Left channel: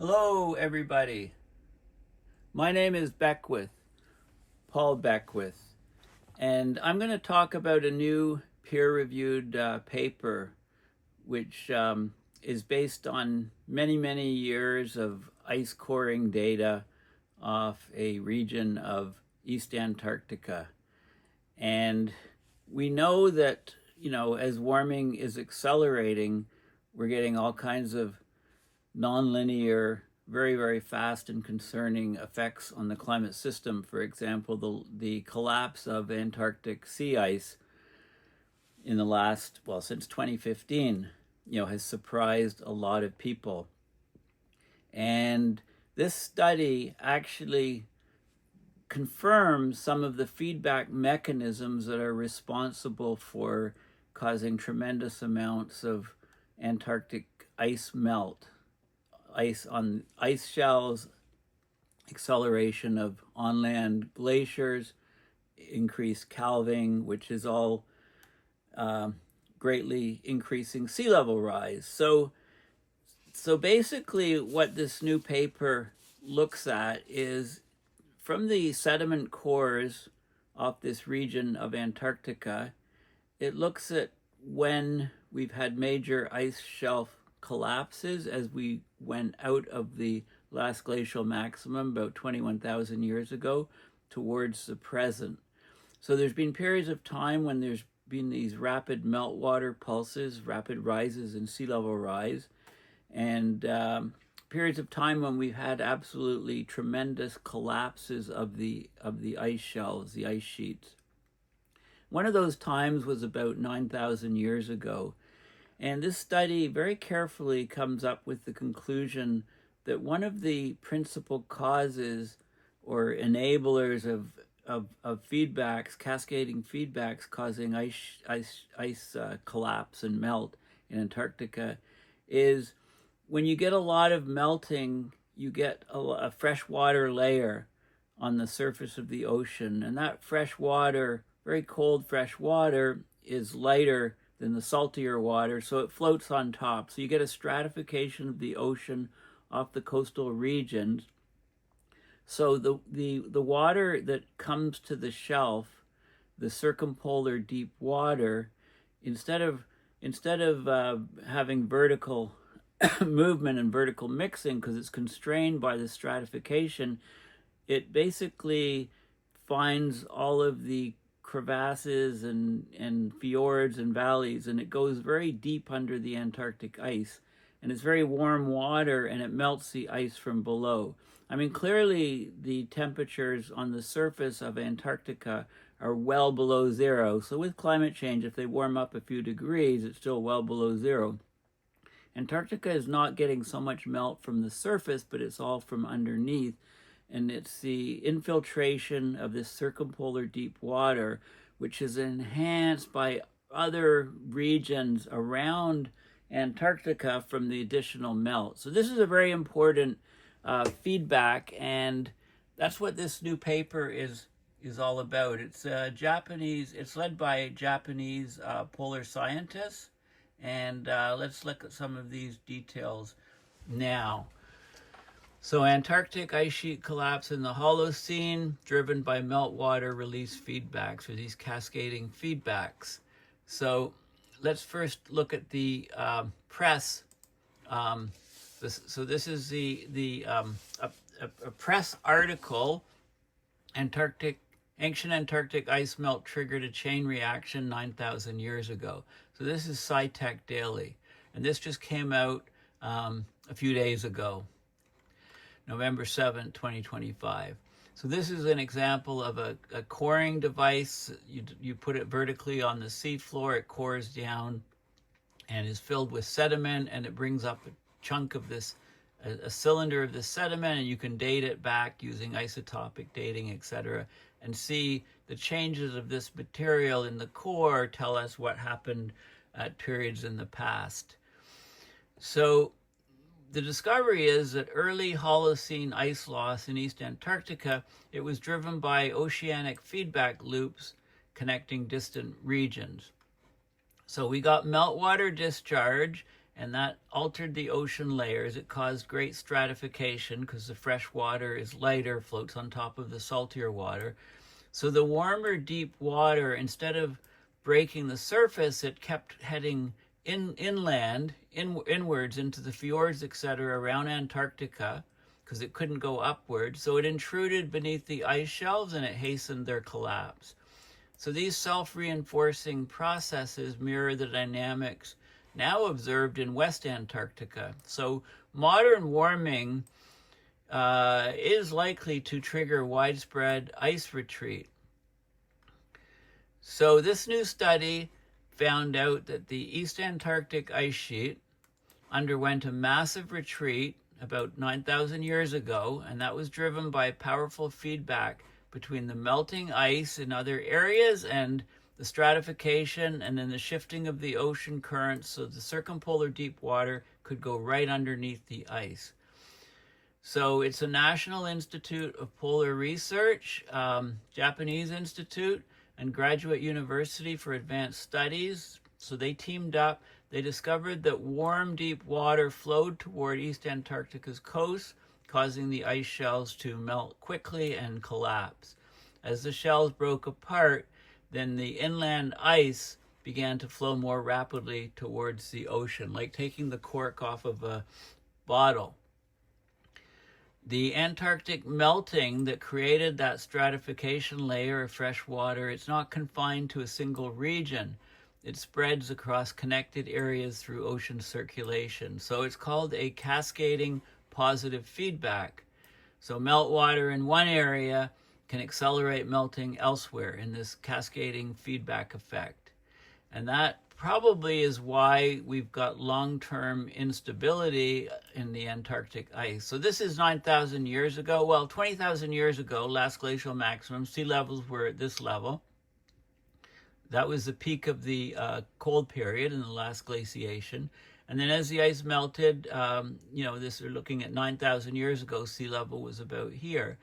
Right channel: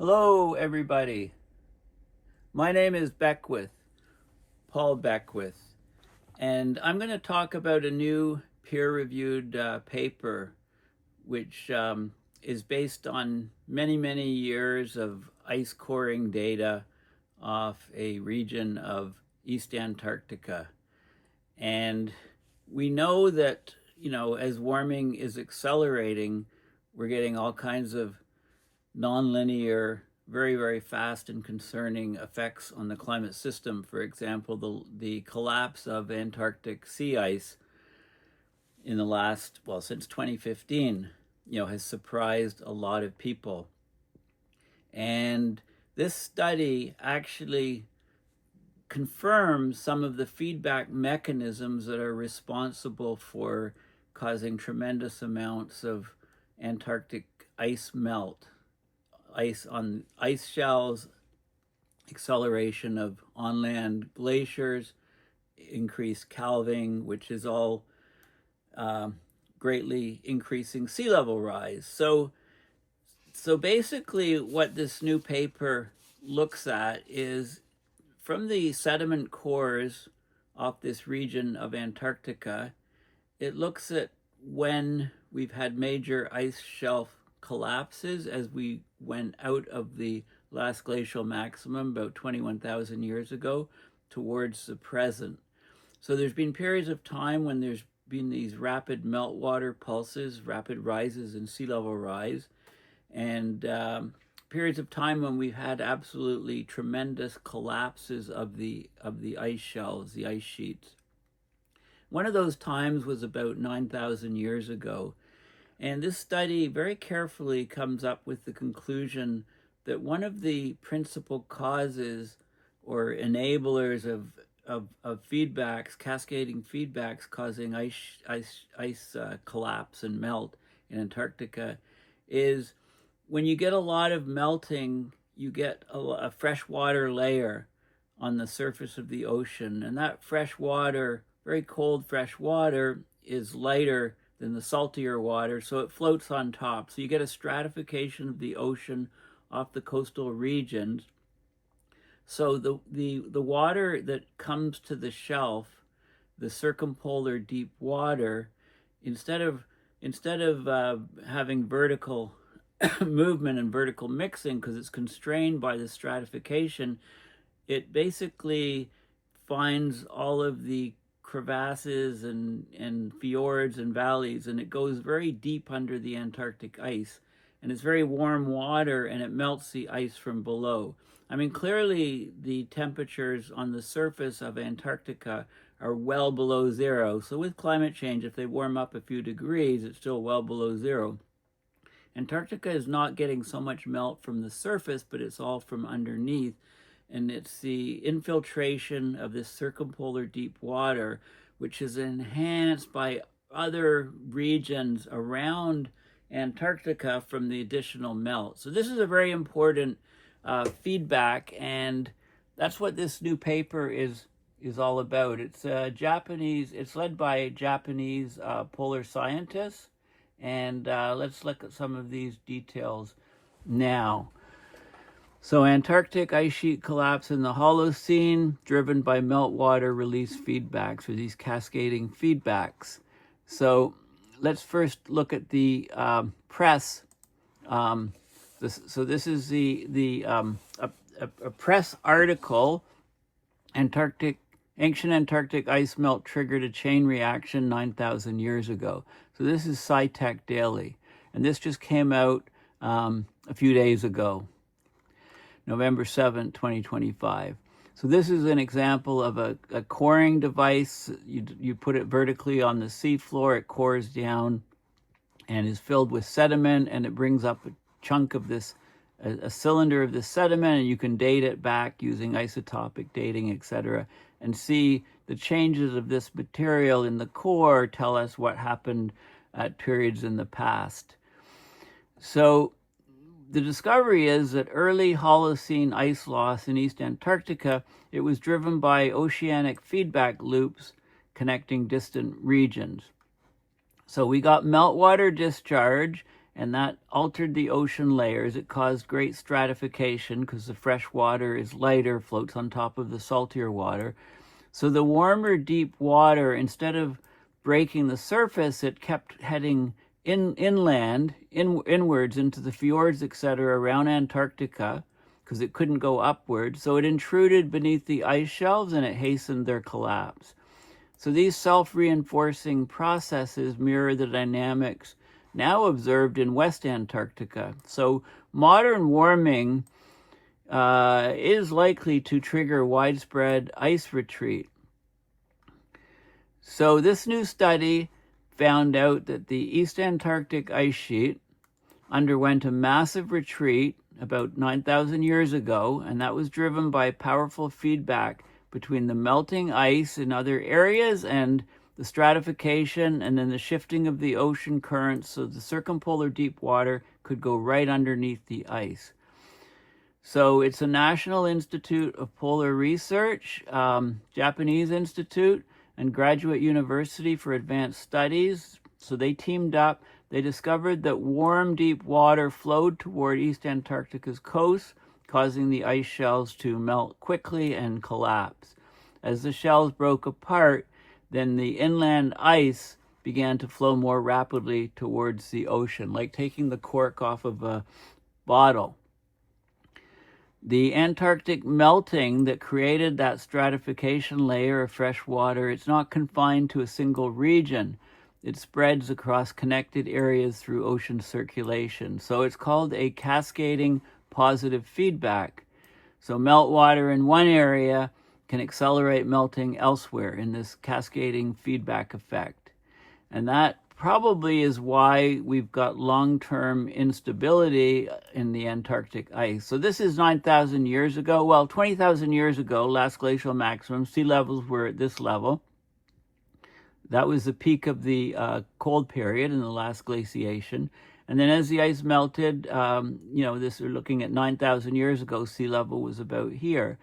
Hello, everybody. My name is Beckwith, Paul Beckwith, and I'm going to talk about a new peer-reviewed paper which is based on many, many years of ice coring data off a region of East Antarctica. And we know that, as warming is accelerating, we're getting all kinds of nonlinear, very, very fast and concerning effects on the climate system. For example, the collapse of Antarctic sea ice in the last, since 2015, has surprised a lot of people. And this study actually confirms some of the feedback mechanisms that are responsible for causing tremendous amounts of Antarctic ice melt. Ice on ice shelves, acceleration of on-land glaciers, increased calving, which is all greatly increasing sea level rise. So basically what this new paper looks at is from the sediment cores off this region of Antarctica, it looks at when we've had major ice shelf collapses as we went out of the last glacial maximum about 21,000 years ago towards the present. So there's been periods of time when there's been these rapid meltwater pulses, rapid rises in sea level rise, and periods of time when we've had absolutely tremendous collapses of the ice shelves, the ice sheets. One of those times was about 9,000 years ago. And this study very carefully comes up with the conclusion that one of the principal causes or enablers of feedbacks, cascading feedbacks causing ice collapse and melt in Antarctica is when you get a lot of melting, you get a freshwater layer on the surface of the ocean. And that fresh water, very cold fresh water, is lighter than the saltier water, so it floats on top. So you get a stratification of the ocean off the coastal regions. So the water that comes to the shelf, the circumpolar deep water, instead of having vertical movement and vertical mixing because it's constrained by the stratification, it basically finds all of the crevasses and fjords and valleys, and it goes very deep under the Antarctic ice, and it's very warm water, and it melts the ice from below. I mean, clearly the temperatures on the surface of Antarctica are well below zero, so with climate change, if they warm up a few degrees, it's still well below zero. Antarctica is not getting so much melt from the surface, but it's all from underneath. And it's the infiltration of this circumpolar deep water, which is enhanced by other regions around Antarctica from the additional melt. So this is a very important feedback, and that's what this new paper is all about. It's it's led by Japanese polar scientists, and let's look at some of these details now. So Antarctic ice sheet collapse in the Holocene, driven by meltwater release feedbacks, or these cascading feedbacks. So let's first look at the press. This is a press article. Ancient Antarctic ice melt triggered a chain reaction 9,000 years ago. So this is SciTech Daily, and this just came out a few days ago. November 7, 2025. So this is an example of a coring device. You put it vertically on the seafloor, it cores down and is filled with sediment, and it brings up a chunk of this, a cylinder of this sediment, and you can date it back using isotopic dating, etc., and see the changes of this material in the core tell us what happened at periods in the past. So the discovery is that early Holocene ice loss in East Antarctica, it was driven by oceanic feedback loops connecting distant regions. So we got meltwater discharge and that altered the ocean layers. It caused great stratification because the fresh water is lighter, floats on top of the saltier water. So the warmer deep water, instead of breaking the surface, it kept heading inwards into the fjords, etc., around Antarctica, because it couldn't go upward. So it intruded beneath the ice shelves and it hastened their collapse. So these self-reinforcing processes mirror the dynamics now observed in West Antarctica. So modern warming is likely to trigger widespread ice retreat. So this new study found out that the East Antarctic ice sheet underwent a massive retreat about 9,000 years ago, and that was driven by powerful feedback between the melting ice in other areas and the stratification, and then the shifting of the ocean currents so the circumpolar deep water could go right underneath the ice. So it's a National Institute of Polar Research, Japanese Institute, and Graduate University for Advanced Studies. So they teamed up. They discovered that warm, deep water flowed toward East Antarctica's coast, causing the ice shelves to melt quickly and collapse. As the shells broke apart, then the inland ice began to flow more rapidly towards the ocean, like taking the cork off of a bottle. The Antarctic melting that created that stratification layer of fresh water, it's not confined to a single region. It spreads across connected areas through ocean circulation. So it's called a cascading positive feedback. So meltwater in one area can accelerate melting elsewhere in this cascading feedback effect. And that probably is why we've got long-term instability in the Antarctic ice. So this is 9,000 years ago. Well, 20,000 years ago, last glacial maximum, sea levels were at this level. That was the peak of the cold period in the last glaciation. And then as the ice melted, this we're looking at 9,000 years ago, sea level was about here.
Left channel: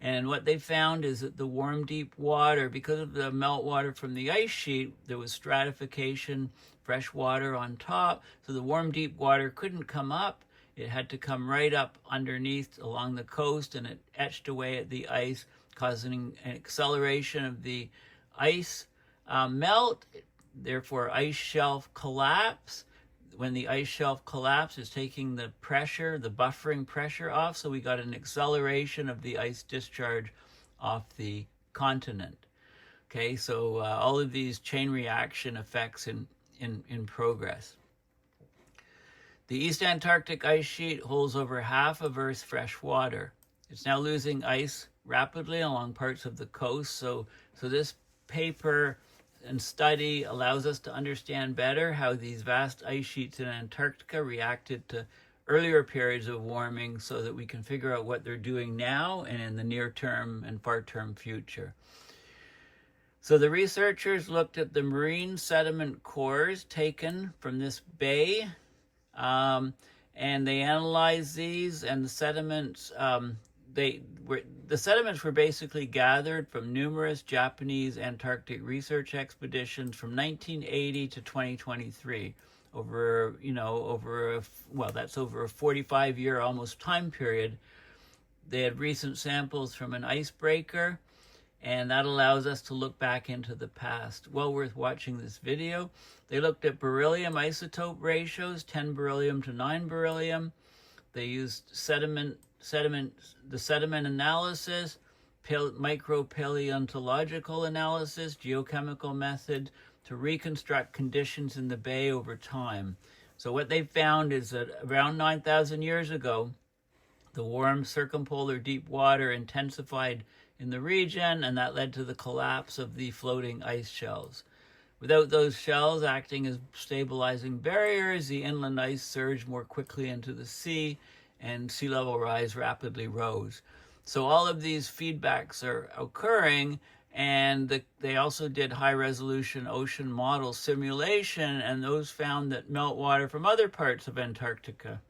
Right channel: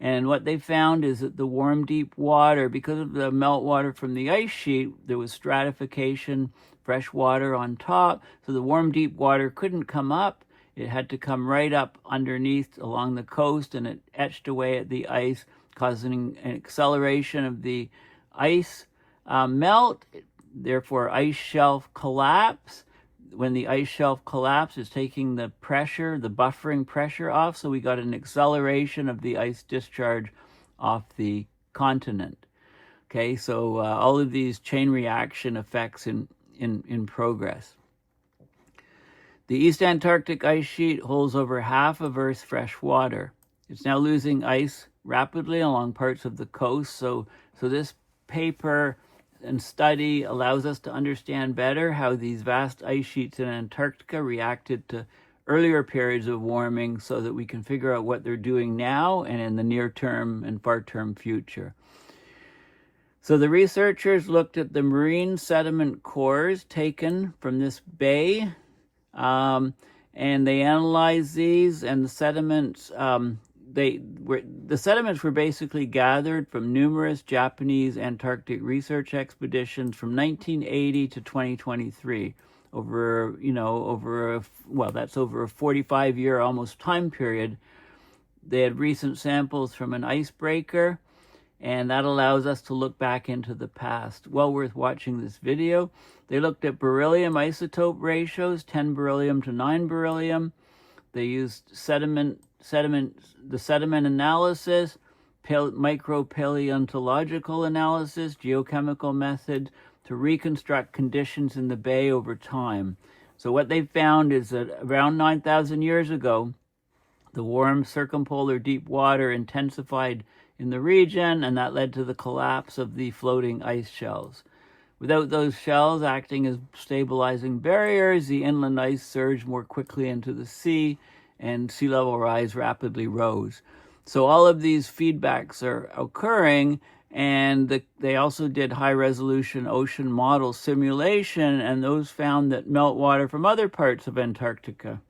And what they found is that the warm, deep water, because of the meltwater from the ice sheet, there was stratification, fresh water on top. So the warm, deep water couldn't come up. It had to come right up underneath along the coast, and it etched away at the ice, causing an acceleration of the ice melt, therefore ice shelf collapse. When the ice shelf collapsed, it's taking the pressure, the buffering pressure off, so we got an acceleration of the ice discharge off the continent. Okay, so all of these chain reaction effects in progress. The East Antarctic ice sheet holds over half of Earth's fresh water. It's now losing ice rapidly along parts of the coast, so this paper and study allows us to understand better how these vast ice sheets in Antarctica reacted to earlier periods of warming so that we can figure out what they're doing now and in the near term and far term future. So the researchers looked at the marine sediment cores taken from this bay, and they analyzed these, and the sediments the sediments were basically gathered from numerous Japanese Antarctic research expeditions from 1980 to 2023 over a 45-year almost time period. They had recent samples from an icebreaker, and that allows us to look back into the past. Well worth watching this video. They looked at beryllium isotope ratios, 10 beryllium to 9 beryllium. They used sediment analysis, micropaleontological analysis, geochemical methods to reconstruct conditions in the bay over time. So what they found is that around 9,000 years ago, the warm circumpolar deep water intensified in the region, and that led to the collapse of the floating ice shelves. Without those shells acting as stabilizing barriers, the inland ice surged more quickly into the sea, and sea level rise rapidly rose. So all of these feedbacks are occurring, and they also did high-resolution ocean model simulation, and those found that meltwater from other parts of Antarctica,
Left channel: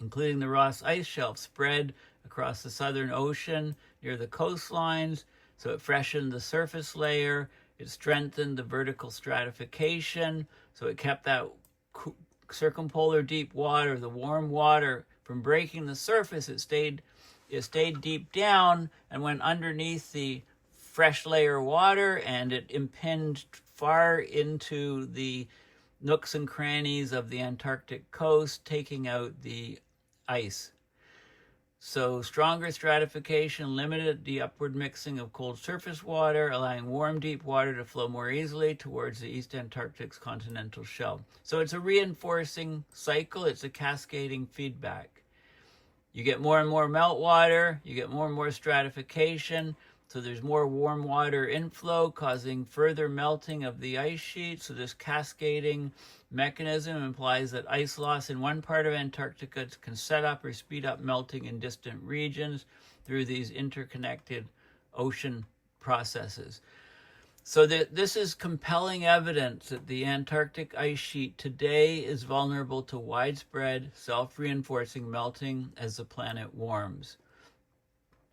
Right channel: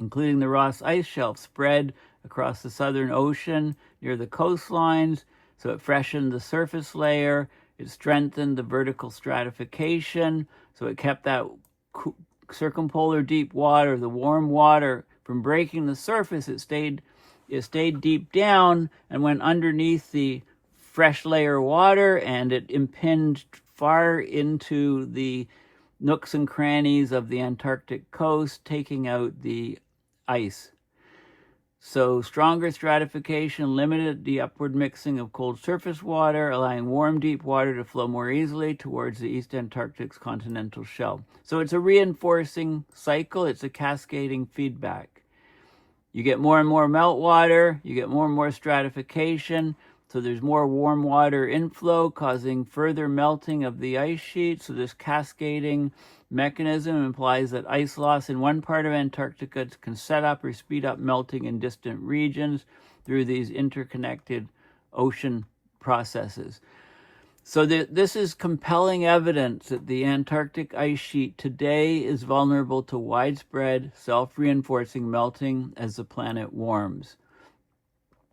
including the Ross Ice Shelf, spread across the Southern Ocean near the coastlines, so it freshened the surface layer, it strengthened the vertical stratification, so it kept that circumpolar deep water, the warm water from breaking the surface, it stayed deep down and went underneath the fresh layer water, and it impinged far into the nooks and crannies of the Antarctic coast, taking out the ice. So stronger stratification limited the upward mixing of cold surface water, allowing warm deep water to flow more easily towards the East Antarctic's continental shelf. So it's a reinforcing cycle. It's a cascading feedback. You get more and more meltwater, you get more and more stratification, so there's more warm water inflow causing further melting of the ice sheet. So this cascading mechanism implies that ice loss in one part of Antarctica can set up or speed up melting in distant regions through these interconnected ocean processes. So this is compelling evidence that the Antarctic ice sheet today is vulnerable to widespread self-reinforcing melting as the planet warms.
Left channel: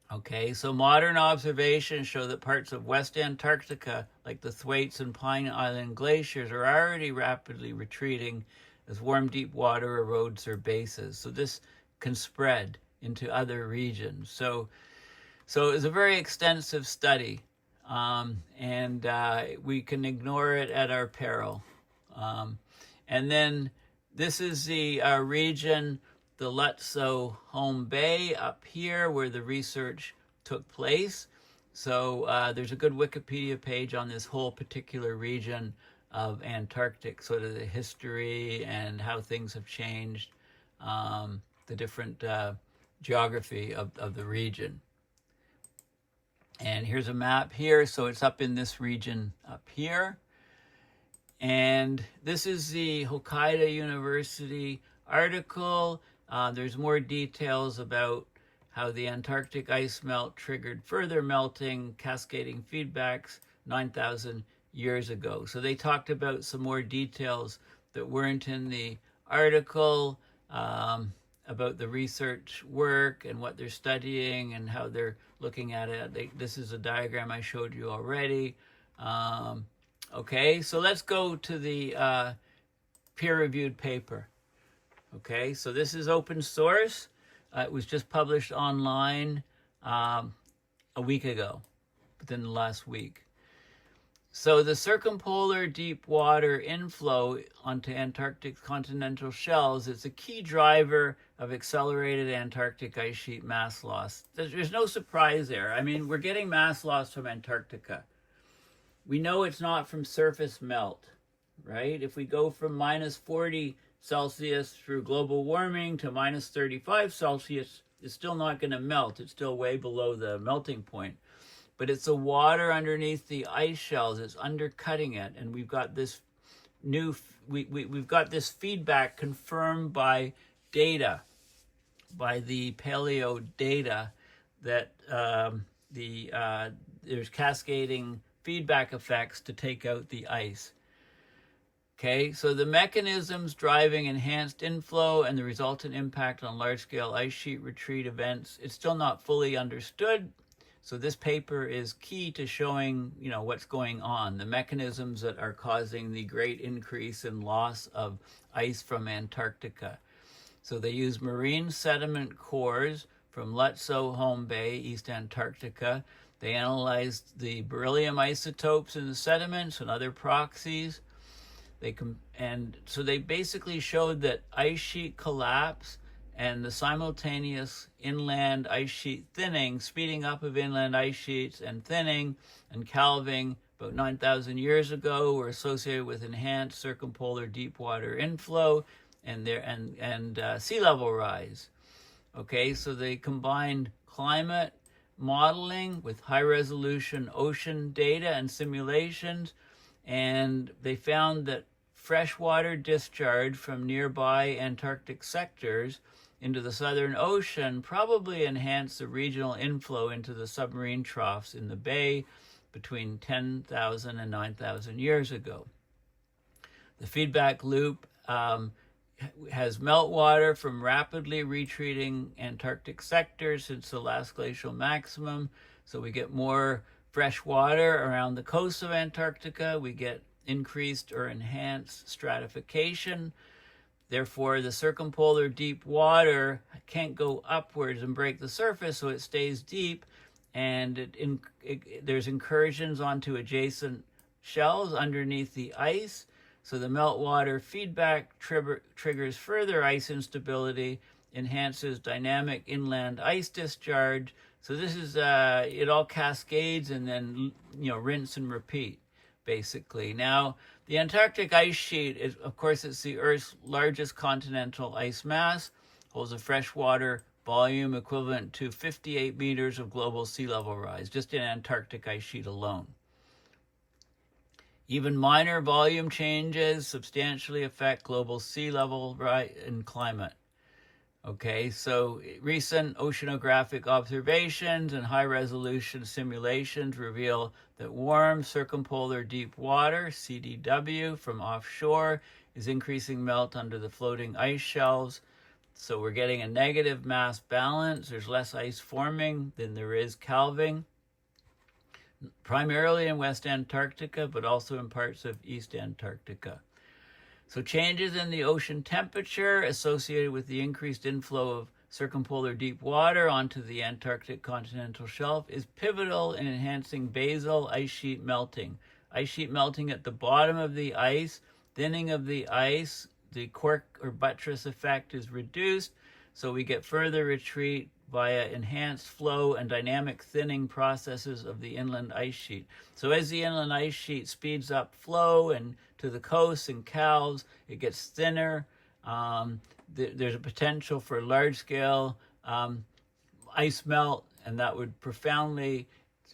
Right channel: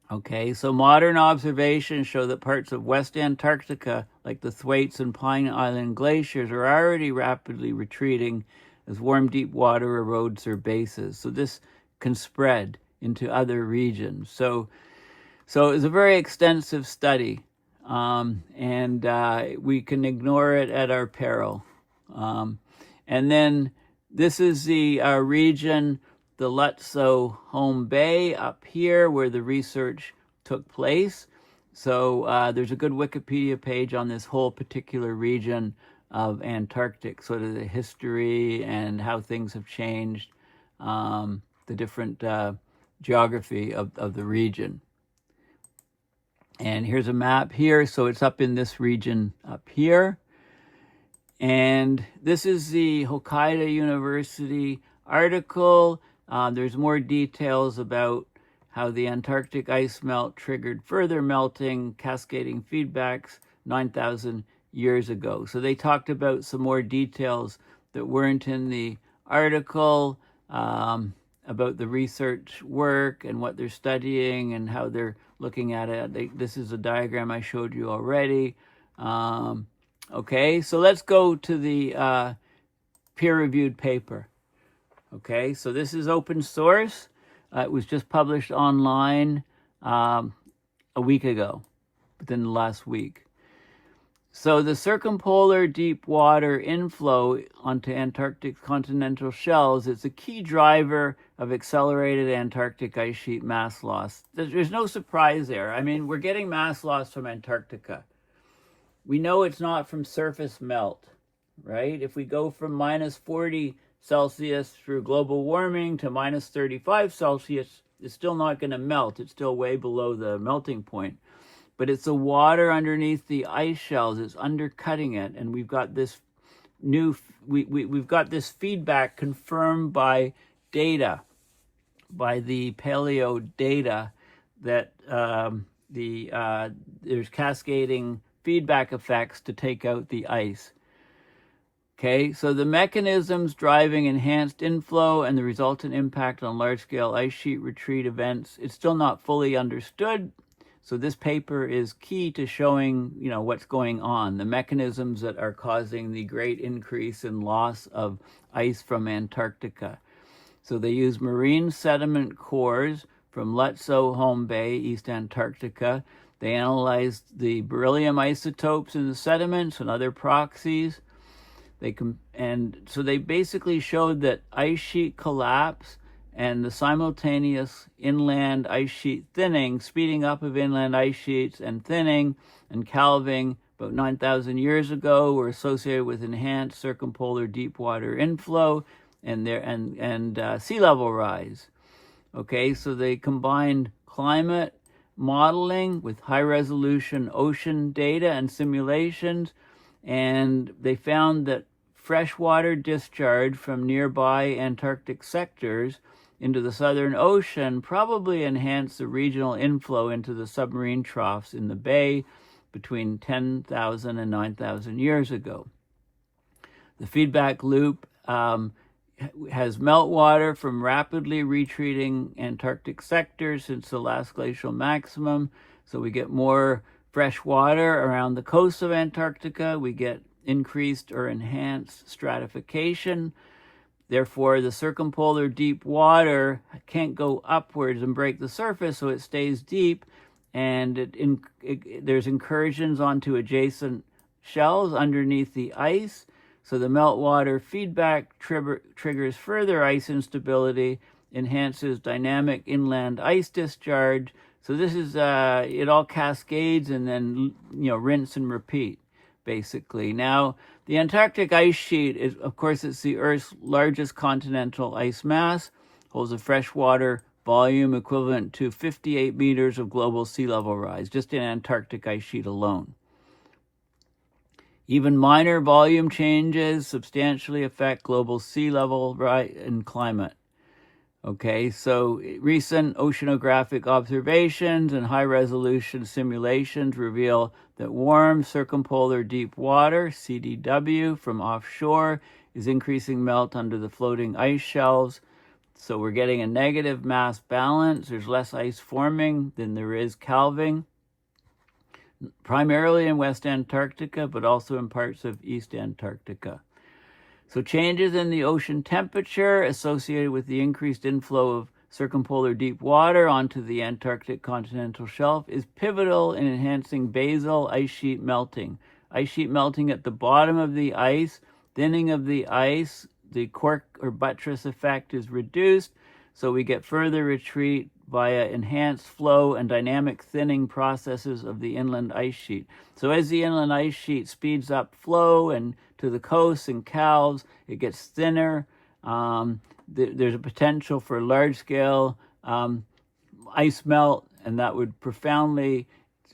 Okay, so modern observations show that parts of West Antarctica, like the Thwaites and Pine Island glaciers, are already rapidly retreating as warm deep water erodes their bases. So this can spread into other regions. So it's a very extensive study. And we can ignore it at our peril. And then this is the region, the Lutzow Home Bay up here where the research took place. So there's a good Wikipedia page on this whole particular region of Antarctic, sort of the history and how things have changed, the different geography of the region. And here's a map here. So it's up in this region up here. And this is the Hokkaido University article. There's more details about how the Antarctic ice melt triggered further melting, cascading feedbacks 9,000 years ago. So they talked about some more details that weren't in the article, about the research work and what they're studying and how they're looking at it. This is a diagram I showed you already. Okay, so let's go to the peer-reviewed paper. Okay, so this is open source. It was just published online a week ago, within the last week. So the circumpolar deep water inflow onto Antarctic's continental shelves is a key driver of accelerated Antarctic ice sheet mass loss. There's no surprise there. I mean, we're getting mass loss from Antarctica. We know it's not from surface melt, right? If we go from minus 40 Celsius through global warming to minus 35 Celsius, it's still not going to melt. It's still way below the melting point. But it's the water underneath the ice shelves. It's undercutting it, and we've got this we've got this feedback confirmed by data, by the paleo data, that there's cascading feedback effects to take out the ice. Okay, so the mechanisms driving enhanced inflow and the resultant impact on large-scale ice sheet retreat events, it's still not fully understood. So this paper is key to showing, what's going on, the mechanisms that are causing the great increase in loss of ice from Antarctica. So they use marine sediment cores from Lutzow Home Bay, East Antarctica. They analyzed the beryllium isotopes in the sediments and other proxies. So they basically showed that ice sheet collapse and the simultaneous inland ice sheet thinning, speeding up of inland ice sheets and thinning and calving about 9,000 years ago, were associated with enhanced circumpolar deep water inflow and sea level rise. Okay, so they combined climate modeling with high-resolution ocean data and simulations, and they found that freshwater discharge from nearby Antarctic sectors into the Southern Ocean probably enhanced the regional inflow into the submarine troughs in the bay between 10,000 and 9,000 years ago. The feedback loop has meltwater from rapidly retreating Antarctic sectors since the last glacial maximum. So we get more fresh water around the coast of Antarctica. We get increased or enhanced stratification. Therefore, the circumpolar deep water can't go upwards and break the surface, so it stays deep, and there's incursions onto adjacent shelves underneath the ice. So the meltwater feedback triggers further ice instability, enhances dynamic inland ice discharge. So this is, it all cascades and then, rinse and repeat, basically. Now, the Antarctic ice sheet is, of course, it's the Earth's largest continental ice mass, holds a freshwater volume equivalent to 58 meters of global sea level rise, just in Antarctic ice sheet alone. Even minor volume changes substantially affect global sea level rise and climate. Okay, so recent oceanographic observations and high-resolution simulations reveal that warm circumpolar deep water, CDW, from offshore is increasing melt under the floating ice shelves. So we're getting a negative mass balance. There's less ice forming than there is calving, primarily in West Antarctica, but also in parts of East Antarctica. So changes in the ocean temperature associated with the increased inflow of circumpolar deep water onto the Antarctic continental shelf is pivotal in enhancing basal ice sheet melting. Ice sheet melting at the bottom of the ice, thinning of the ice, the cork or buttress effect is reduced, so we get further retreat via enhanced flow and dynamic thinning processes of the inland ice sheet. So as the inland ice sheet speeds up flow and to the coasts and calves, it gets thinner. There's a potential for large-scale ice melt, and that would profoundly.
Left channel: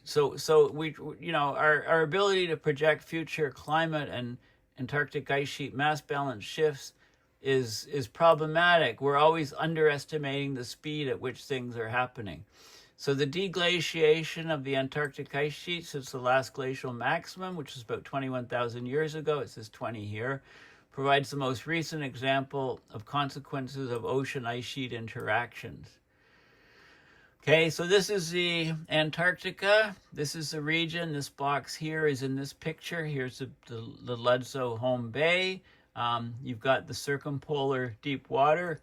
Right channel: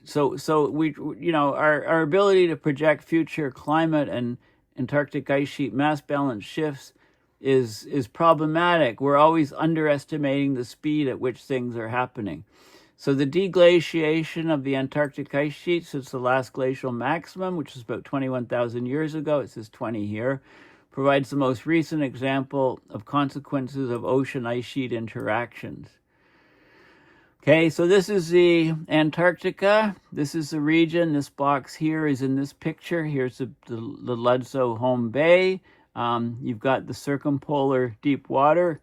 So we, our ability to project future climate and Antarctic ice sheet mass balance shifts is problematic. We're always underestimating the speed at which things are happening. So the deglaciation of the Antarctic ice sheet since the last glacial maximum, which is about 21,000 years ago, it says 20 here, provides the most recent example of consequences of ocean ice sheet interactions. Okay, so this is the Antarctica. This is the region. This box here is in this picture. Here's the Ludzow home bay. You've got the circumpolar deep water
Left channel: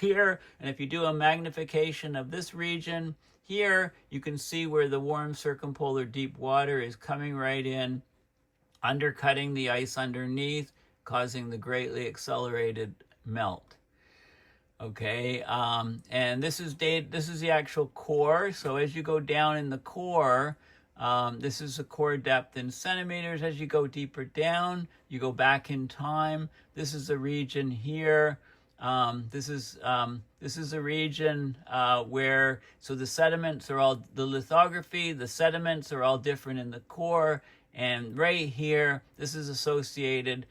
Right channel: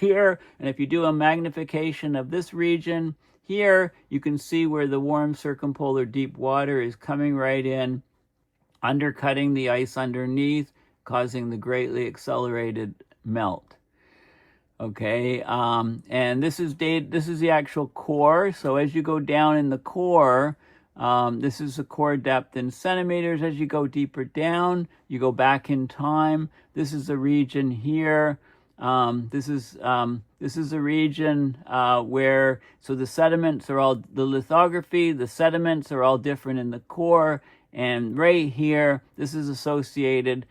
here. And if you do a magnification of this region here, you can see where the warm circumpolar deep water is coming right in, undercutting the ice underneath, causing the greatly accelerated melt. Okay, and this is the actual core. So as you go down in the core, this is the core depth in centimeters. As you go deeper down, you go back in time. This is the region here. This is the region where, so the sediments are all, the lithography, the sediments are all different in the core. And right here, this is associated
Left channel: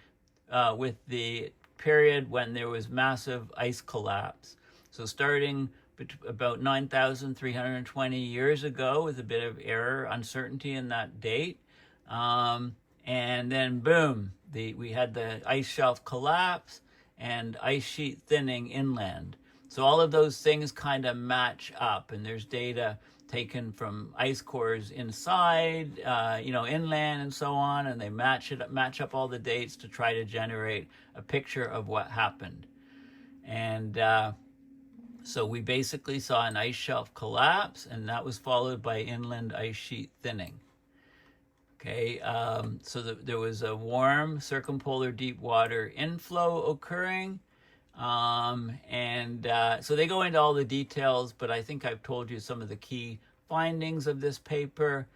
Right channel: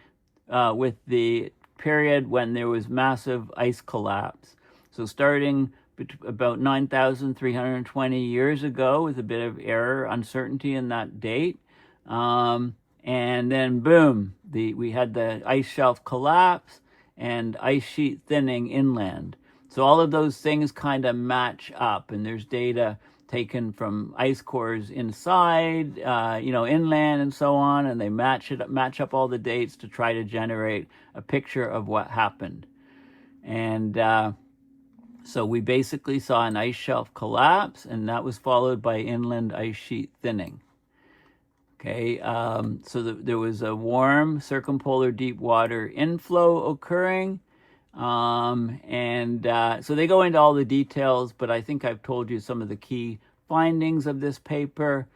with the period when there was massive ice collapse. So starting about 9,320 years ago, with a bit of error, uncertainty in that date. And then boom, we had the ice shelf collapse and ice sheet thinning inland. So all of those things kind of match up, and there's data taken from ice cores inside, inland and so on, and they match up all the dates to try to generate a picture of what happened. And so we basically saw an ice shelf collapse, and that was followed by inland ice sheet thinning. Okay, so there was a warm circumpolar deep water inflow occurring. So they go into all the details, but I think I've told you some of the key findings of this paper.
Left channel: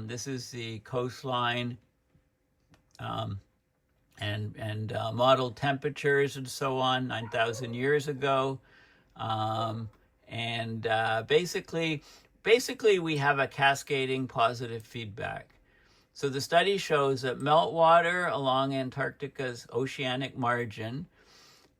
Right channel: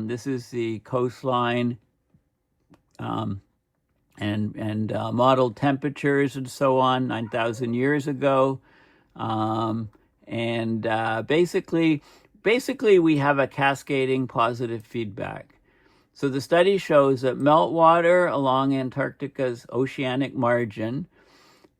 This is the coastline and modeled temperatures and so on 9,000 years ago. Basically we have a cascading positive feedback. So the study shows that meltwater along Antarctica's oceanic margin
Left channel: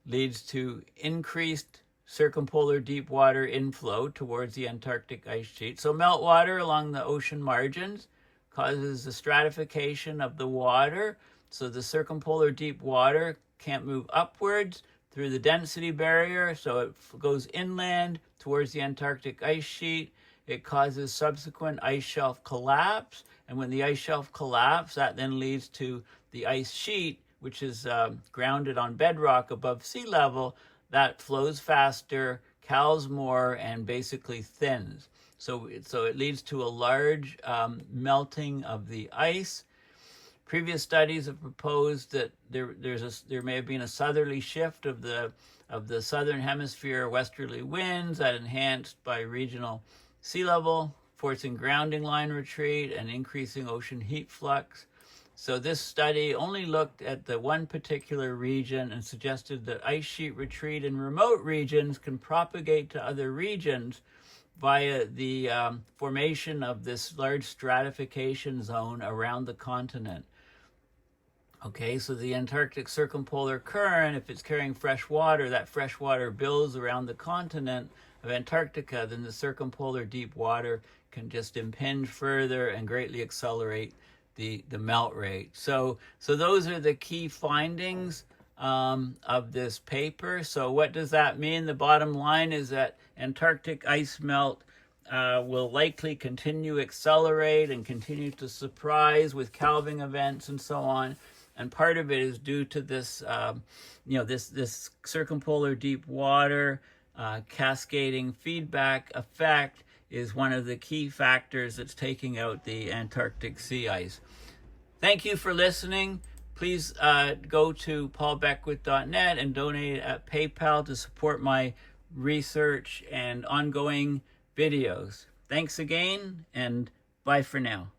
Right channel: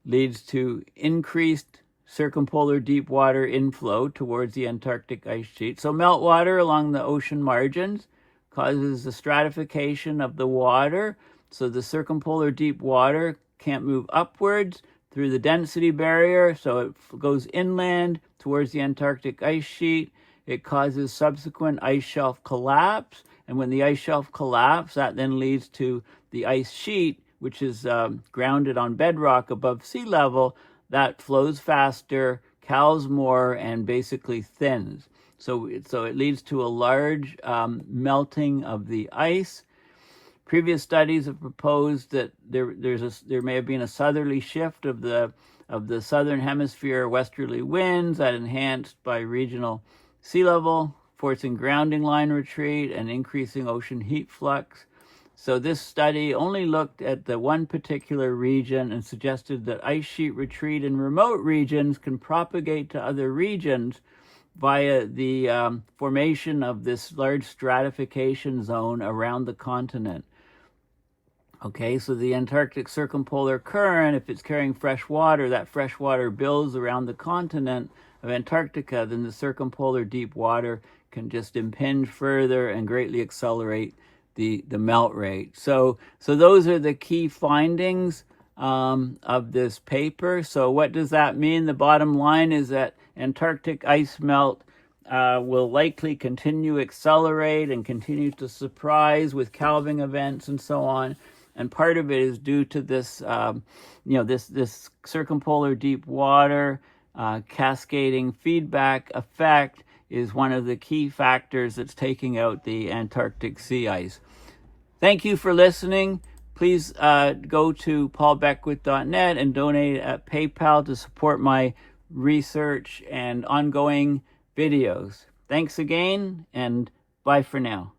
leads to increased circumpolar deep water inflow towards the Antarctic ice sheet. So meltwater along the ocean margins causes the stratification of the water, so the circumpolar deep water can't move upwards through the density barrier, so it goes inland towards the Antarctic ice sheet. It causes subsequent ice shelf collapse, and when the ice shelf collapses, that then leads to the ice sheet which is grounded on bedrock above sea level, that flows faster, calves more, and basically thins. So it leads to a large melting of the ice. Previous studies have proposed that there may have been a southerly shift of the southern hemisphere westerly winds that enhanced by regional sea level, forcing grounding line retreat and increasing ocean heat flux. So this study only looked at the one particular region and suggested that ice sheet retreat in remote regions can propagate to other regions via the formation of this large stratification zone around the continent. Okay, so the Antarctic circumpolar current, if it's carrying fresh water, that fresh water builds around the continent of Antarctica, then the circumpolar deep water can just impinge further and greatly accelerate the melt rate. So those are the key findings of this paper. So what does that mean? The bottom line is that Antarctic ice melt will likely continue to accelerate and continue to surprise with calving events and so on. And part of it is due to this, this circumpolar deep water cascading feedback effect is one of the key factors that's taking out the Antarctic sea ice. Thank you for listening. Please go to paulbeckwith.net and donate at PayPal to support my research and ongoing videos. Thanks again, and bye for now.